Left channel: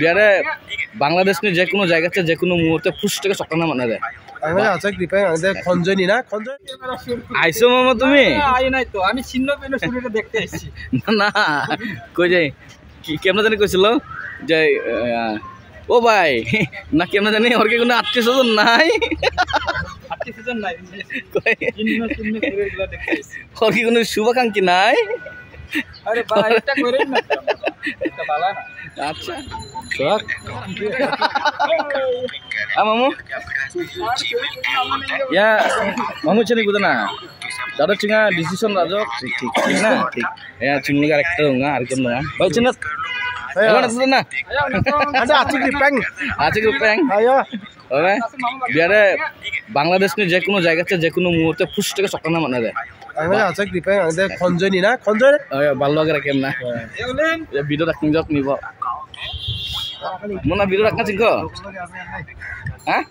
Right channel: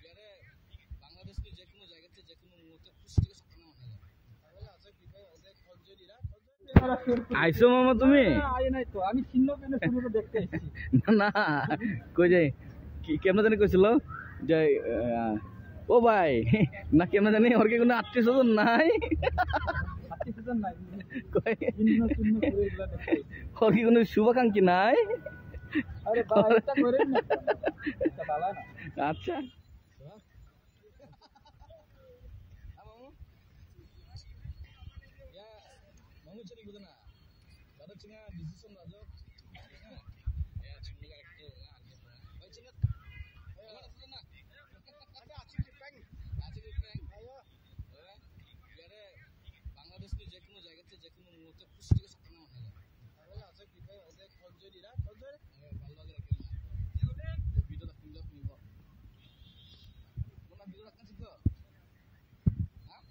biare Bangladesh ni je kono jayga te je kono muhurte fush থেকে চক্র না মানে দেয় আমি আছে কৃপায় আমাদের খঞ্জনি না খঞ্জনি আইছো মামা তুমি আই নাই তো আমি ছিন্ন পেলে শুরুটা দেখতে এসেছি না কই যাই কি কেমন জানি কইছিল যে ও ভাই না কেমন জানি ওর কি কোনো আত্মীয়স্বজন নাই আত্মীয়স্বজন নাই কই ছিন্ন ছিন্ন ঘুরেগুলো দেখতে এসেছি ওর কি কোনো শুভাকাঙ্ক্ষী নাই আরে ভাই এটা করেন না এটা ভালো না আচ্ছা সব মামু ya mamu cini kuda na dada cinga decision rajok ঠিক না ঠিক ya cinga karakter nga arkem nga bal cinat ayo na ada আছে কৃপায় আছে গ্রুপেং আয়ো ওরে বিয়ারে বাংলাদেশ নি যে কোনো জায়গাতে যে কোনো মুহূর্তে ফুস থেকে চক্র না মানে দেয় আমি আছে কৃপায় আমাদের খঞ্জনি না খঞ্জনি ভালো লাগে রাখেন না ভিডিও রাখিং যাক নিব মনা ভিডিও রাখনা চিংক হ্যাঁ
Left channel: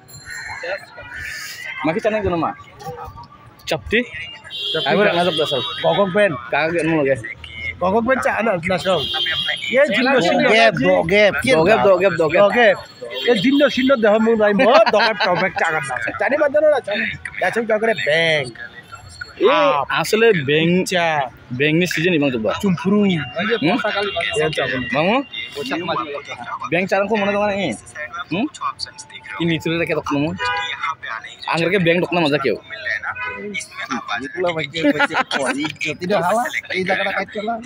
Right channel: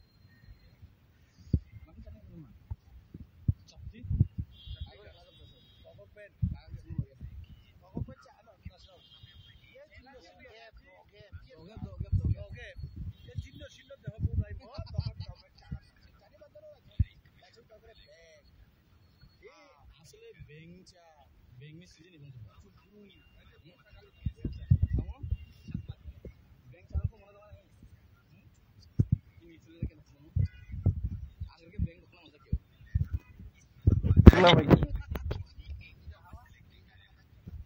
Maki channel guna ma chapti ayo na jab dasal গগক বেন kaga no lage গগক বেন চা না নাসং ये जिन्न सिन्न गैप do gap गैप ये जिन्न सिन्न देह मु নাই ম দকার টমেক চাগার না জানি বাদন না যাচ্ছে জগরে ব্যাংক আসলে bank ni season ibang coba চুমপুরু mamu ব্যাংক চারang ko mona dong ni ini tuh kayak tok nemu anggar ke bank tok nama aja kyo tidak halal tidak kena kait celah